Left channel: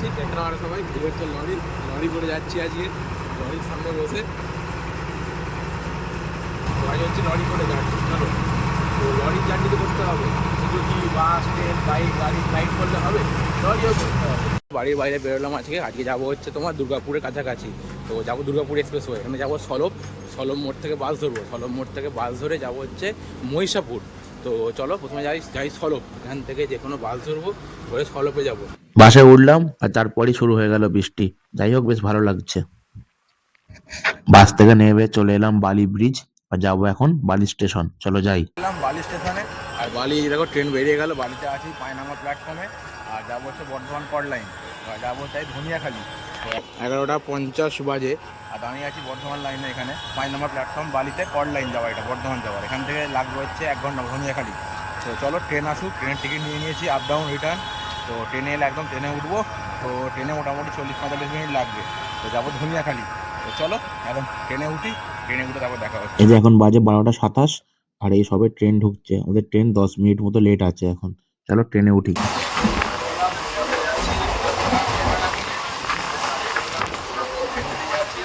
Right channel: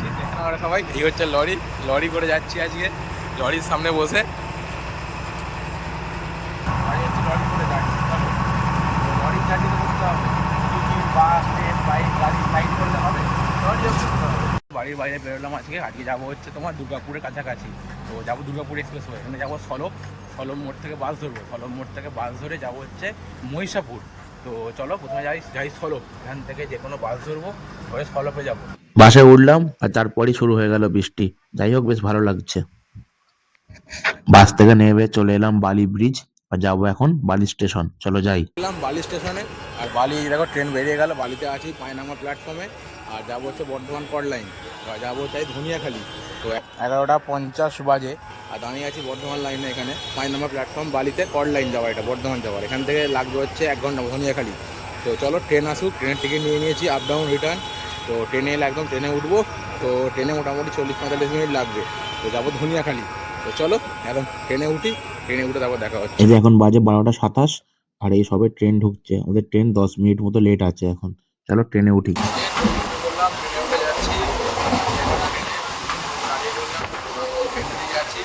যাচ্ছি দেখুন আমরা সবাই? এই হচ্ছে লরি। লরি করে যাচ্ছি আজকে। লরির সামনে বসে। সবাই হচ্ছে লরি করে যাচ্ছি, চলো। তো লরির জার্নি তো করতে হবে। শুধু কি বাস, ট্রেন, বাইক, গাড়ি ফ্লাইট করলে হবে। লরিও করতে হবে। বাড়ির বাইরে বেরোলাম আজকে। আজকে যাব হচ্ছে তোমার দুর্গাপুরের কাছাকাছি। তো যাব দুর্গাপুর এক্সপ্রেস ওয়ে এখানে যাব সলব সলব মোড় থেকে বাস ধরবো। সলব মোড় থেকে বাস ধরে যাব হচ্ছে মহিষাপুর। তো চলো প্রথমে যাই যাই সলব এখান থেকে যে কোনো বাস ধরবো ধরে সলপে যাব। বাসে উঠলাম আর তারপরই শুরু হয়ে গেল বৃষ্টি। যাই হোক বেশ ভালো লাগছে। বাস থেকে নেমে চলে এলাম বালি ব্রিজ আর যাব এখন বালি স্টেশন। চলো যাই। এলাম বালি স্টেশনে আর বালি দেখো ট্রেন বেরিয়ে গেল। বালিতে আছি পায়নামা প্ল্যাটফর্মে আর যাব হচ্ছে বর্ধমান কট লাইন যাব চাই ধনিয়াখালি তো এগারোটা পঞ্চাশ বাজে, আর দাঁড়িয়ে আছি বর্ধমান লাইনে এখানে। পায়নামা প্ল্যাটফর্ম বালিতে কট লাইন যাওয়া এটা, বর্ধমান যাওয়ার। এখান থেকে লাগবে হচ্ছে এক ঘণ্টা ধনিয়াখালি তো চলো ট্রেন আসুক ট্রেনের টিকিট নিয়ে নিয়েছি আপ ডাউন রিটার্ন তো ট্রেনে এলে একদম ট্রেনে উঠবো। তো ট্রেনে মোটামুটি চল্লিশ পঁয়তাল্লিশ মিনিট লাগবে। তো যাব ধনিয়াখালি তো চলো, একদম ট্রেনে উঠি ট্রেনে উঠে তারপর দেখা হচ্ছে। এই যে এখন বাজে বারোটা সাতাশ, আর এই সবে ট্রেন ঢুকছে। আমাদের ট্রেন দশ মিনিট মতো লেট আছে এখন। চলো ট্রেনে উঠি বললাম ট্রেনে উঠে যাচ্ছি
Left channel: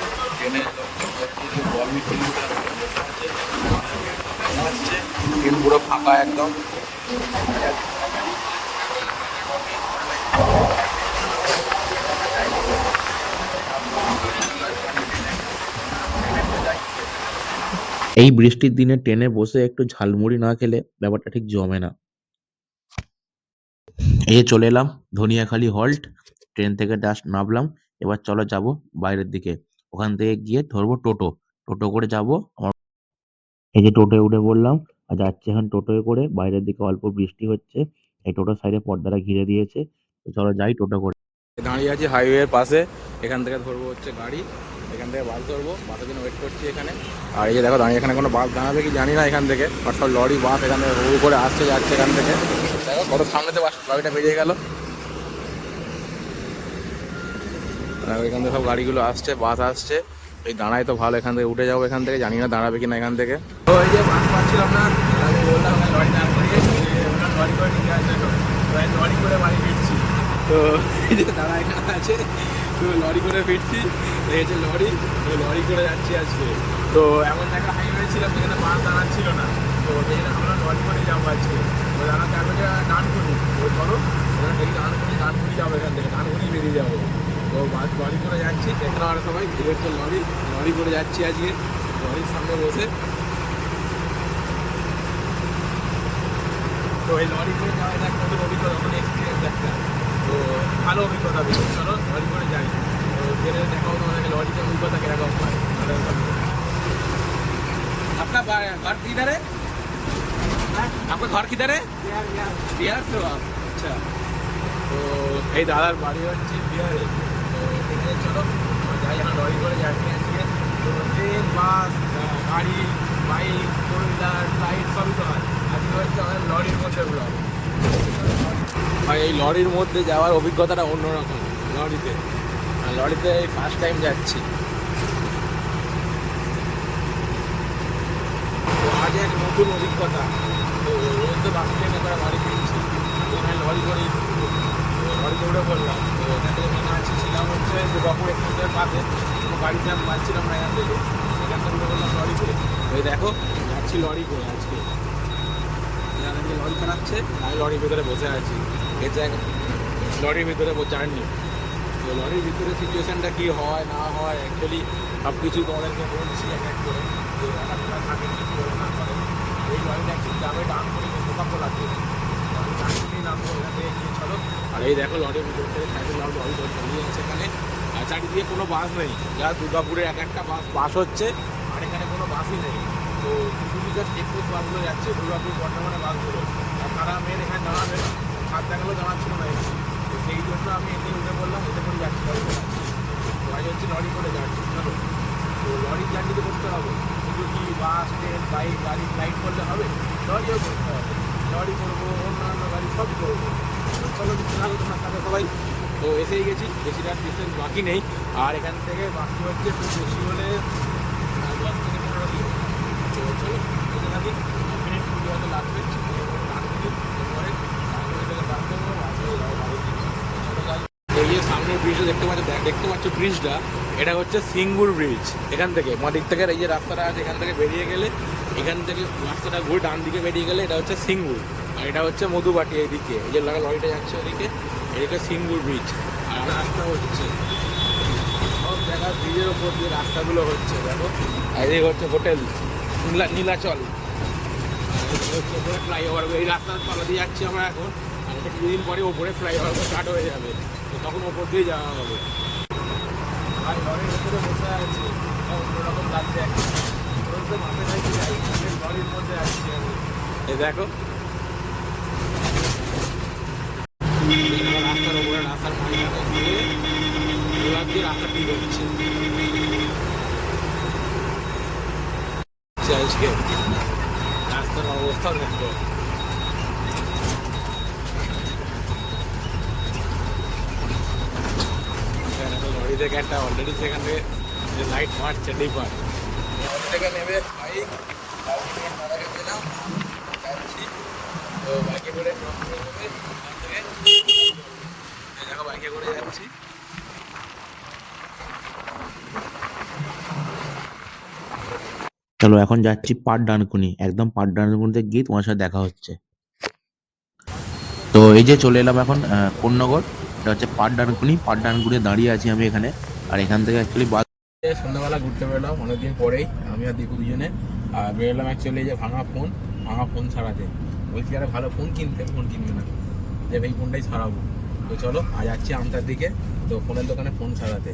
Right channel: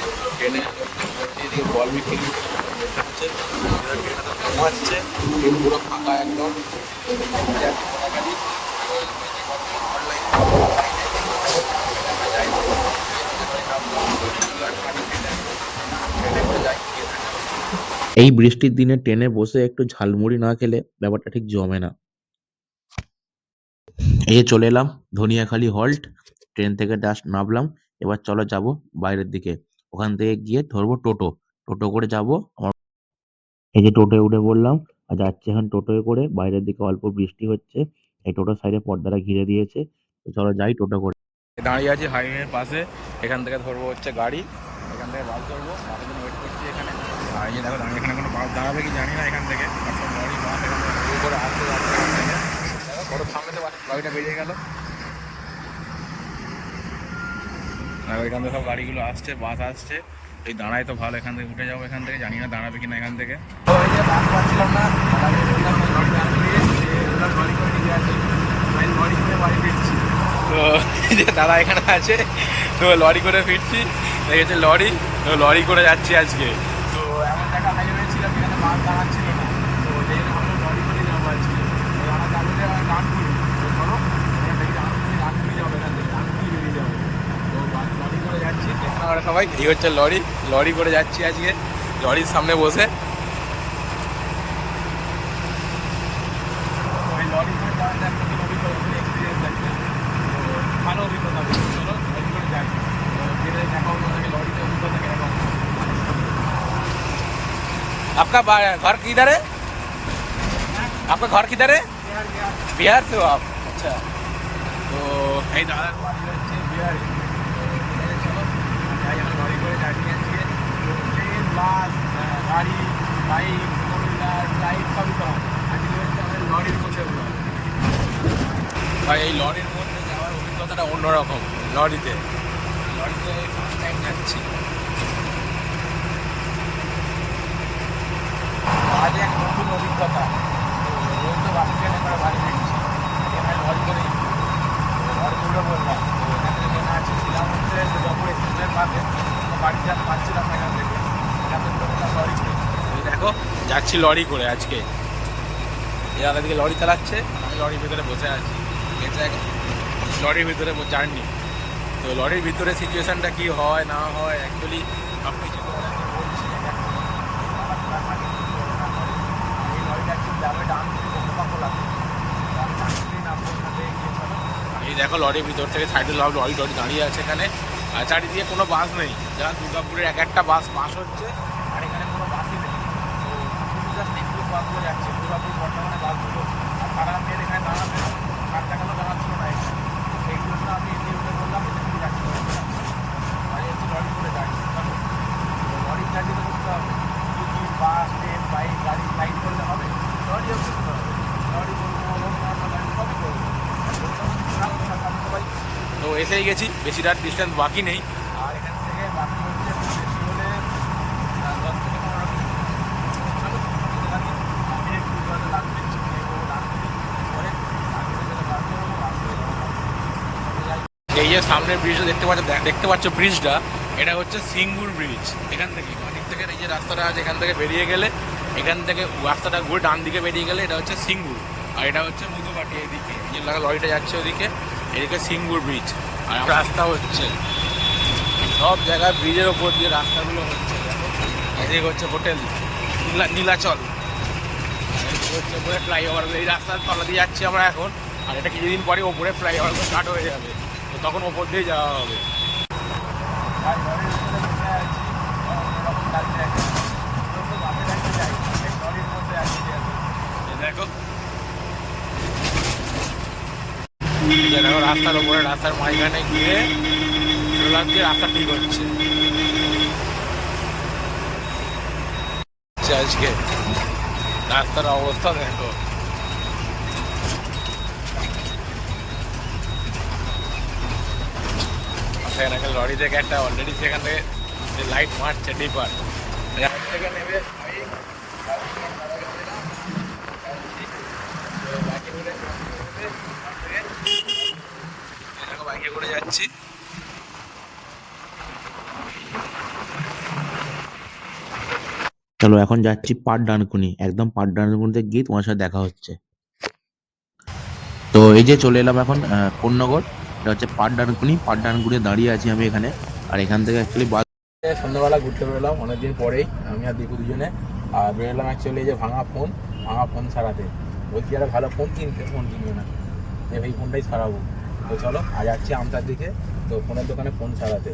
এই বৃষ্টির দিনে ট্রেনে বসে একটু ঝালমুড়ি না খেলে ব্যাপারটা ঠিক জমে না। এই চলে এলাম ধনিয়াখালি হল্ট, ট্রেন থেকে ডাস্ট নামলাম, এবার চলো যাব বাইরের দিকে। ওখান থেকে গিয়ে ধরবো টোটো। টোটো করে যাব। আমার এই যে টোটোয় উঠে পড়লাম আর যাচ্ছি এখন টোটোয় করে। বাইরের দিকে অল্প বৃষ্টি হচ্ছে। এই টোটোর সাইডে পর্দাটা ঘিরে দিয়েছে। তো চলো যাই টোটো করে। দাঁড়িয়ে আছি হাইওয়ের পাশে। এখান থেকে ধরবো হচ্ছে গাড়ি। এখান থেকে বাস ধরবো। বাসের জন্য ওয়েট করছি এখানে। আর এই যে দেখো দাঁড়িয়ে এখানে কোনো বাস দাঁড়াবে কি জানি না এখান থেকে। আর সব লরি বাস এখান থেকে রোল করে আসছে যাচ্ছে এখান থেকে। দেখো কত সামনে থেকে বাস লরিটা বেরিয়ে গেল। দেখো এখান থেকে সব গাড়িগুলো আসছে বাস আসছে। এই দাঁড়ায় তো ভালো এখান থেকে উঠে যাব এখান থেকে জানি না দাঁড়াবে কিনা এখান থেকে। এই যে বাস পাচ্ছিলাম না আগে বললাম লরি করে নিয়ে লরি করে বাড়ি ফিরছি। তো এই যে দাদা এখানে আছে তো লরি করে ফিরছি। দেখেছে লরি তো লরি করে যাচ্ছি আজকে। তো এমন জায়গা হাইওয়ে ছিল যেখানে বাস দাঁড়াচ্ছিল না। তো সেই জন্য আমরা লরি করে যাব আজকে। তো দাদা যাবে যে ডানকুনি তো চলো এবার দেখি ডানকুনি ডানকুনি যাব এখান থেকে ডানকুনি বেরিয়ে যাব। লরি করে যাচ্ছি দেখুন আমরা সবাই এই হচ্ছে লরি লরি করে যাচ্ছি আজকে লরির সামনে বসে তো এই লরি করে যাওয়া একটা নতুন অভিজ্ঞতা নতুন এক্সপিরিয়েন্স একটা তো ভালো অভিজ্ঞতা তো চলো লরি করে যাই তো যেটা দেখা হতো তোমাদেরকে লরিতে অভিজ্ঞতা কিরকম হয় आपका बा- घर किधर है आपका घर किधर है बिहार से हो आप अच्छा তো এই দাদার বাড়ি হচ্ছে বিহারে তো এখানে চলো, যাই, আমরা লরি করে যাই নিয়ে তো ট্রেন বাস গাড়ি বাইক ফোর হুইলার ফ্লাইট সবই তো হয়। আজকে হচ্ছে আমাদের লরির মধ্যে ব্লগ ভাই, এই লরির মধ্যে যাওয়ার অভিজ্ঞতাটা অন্যরকম, লরিতে। লরিতে ফার্স্ট টাইম যাচ্ছি। তো আজ এক নতুন অভিজ্ঞতা। তো রোজ তো বাস ট্রেনে করে বাড়ি ফিরছি। আজকে আমি লরি করেই তো লরি বললাম তো এখান থেকে মেনে আছি। ছিলাম হচ্ছে দুর্গাপুর এক্সপ্রেসের পাশে। কোনো গাড়ি জ্যাম পাচ্ছিলাম না এখান থেকে। এখান থেকে উঠে বললাম লরি করে। এই দেখো, যাচ্ছি লরি করে আজকে। যারা দিকে লরি চালাচ্ছে, আমি লরির ভিতরে বসে আছি। এটা লরির ভিতরে জার্নি। তো লরির ভিতরে সিচুয়েশানটা কী হয়, না হয় অ্যাকচুয়ালি সব কিছু তোমাদেরকে বলছি এক এক করে। যে অর্ডারটা থাকে কী করে না করে। এই লরিটা অ্যাকচুয়ালি যাবে ডান করে কোকা কোলাতে। এই দেখো লরির ভিতর থেকে সাইডে লরি লরি লরি দাঁড়িয়ে আছে এখানে। আর চারিদিকে কোনো বাস নেই। যা দুর্গাপুরের এক একটা বাস বাস হচ্ছে, আর এখানে কোনো বাসই নেই। তো শুধু জাস্ট এক্সপ্রেস বাসগুলো যাচ্ছে, দুর্গাপুর, বর্ধমানে বাসগুলো। আর তারা মেয়ের এখানে দাঁড়াবে না। সাত দেখালেও দাঁড়াচ্ছিল না এখানে তো সেই জন্য আমি এতে উঠে বললাম এতে করে যাচ্ছি, লরি করে যাচ্ছি। তো হচ্ছে লরি করে যাচ্ছি, চলো। তো লরির জার্নি তো করতে হবে। শুধু কি বাস ট্রেন বাইক গাড়ি ফ্লাইট করলে হবে? লরিও করতে হবে। লরি করব অন্যান্য গাড়ি সব করব। তো চলো করেই তো এসেই গেছি বেশিটা ডিস্টেন্স বাকি নেই। আর এখান থেকে বাকি হচ্ছে খুব বেশি হলে দশ থেকে পনেরো কিলোমিটার। তো চলো যেতে থাকি। মিনিট কুড়ি হয়তো লাগবে। ডান মিনিট পরে ডান মিনিট থেকে বাস করব করে যাব বাড়ি। এই যে সামনের ব্রিজটা দেখতে পাচ্ছ দেখ- দেখতে পাচ্ছ ব্রিজটা এটা হচ্ছে সিঙ্গুর ব্রিজ এখান থেকে। মদিক থেকে এই যে রাস্তাটা আছে এখান থেকে বেরিয়ে গেলে এখান থেকে রাস্তাটা ঘুরে ডান দিকে বেরিয়ে গেলে এটা হচ্ছে সিঙ্গুর। আর এটা হচ্ছে মধুবাটি এদিকে। যে লরিটা যাচ্ছে ওদিকে, এদিকে সিঙ্গুর ব্রিজ আর রাস্তা হচ্ছে, সব জায়গায় ব্রিজের ওপর দিয়ে রাস্তাগুলো হচ্ছে আর এদিকে হচ্ছে হোটেল, নীলা নীলাচল। আর হচ্ছে উপরে ফ্লাইওভার এই রাস্তার তলা দিয়ে যাচ্ছি আমরা এখন। আর এটা কিছুদিন পরে ওপরে ফ্লাইওভার স্টার্ট হয়ে যাবে। তো তখন ওপর দিয়ে যাওয়া হবে। ভাই লরির মধ্যে বসে আছি অন্যরকম লাগছে একটা তোর তো বাপে যাইতে যাই লরির মধ্যে আছি আমি তো দেখো। রাস্তার ওপরে রাস্তার মাঝখানে গিয়ে রোলার দিয়ে রাস্তা ঠিক হচ্ছে। হচ্ছে আজকে রাস্তার অবস্থা দেখো। সেখানে লরি থেকে একটা অলরেডি সেখান থেকে লাইট মারছে ডিপার থেকে নেবে চলো এখন যাচ্ছি পাট ডানকুনি, একদম পাট ডানকুনিতে গিয়ে তোমার সাথে দেখা হচ্ছে। তো এই যে চলে এলাম এখন কোন্নগর, এটা হচ্ছে পাট ডানকুনি পাট ডানকুনি দাঁড়িয়ে আছি আমি এখানে। আর এখান থেকে অ্যাকচুয়ালি বাস সন্ধ্যাবেলা ঘুরতে বেরোলাম, অনেকদিন পরেই, আমি আর দীপু দুজনে। আর বেরোলাম অ্যাকচুয়ালি যে ভাঙা ফোন ভাঙা ফোন সারাতে বলছি, আর ভালো ফোন কিনতে ফোন কিনবে না যে ভাই ফোনটাই সারাবো তো চলো আর যাচ্ছি আমতার দিকে, তো ফোনের দোকানে ফোন ছাড়াতে।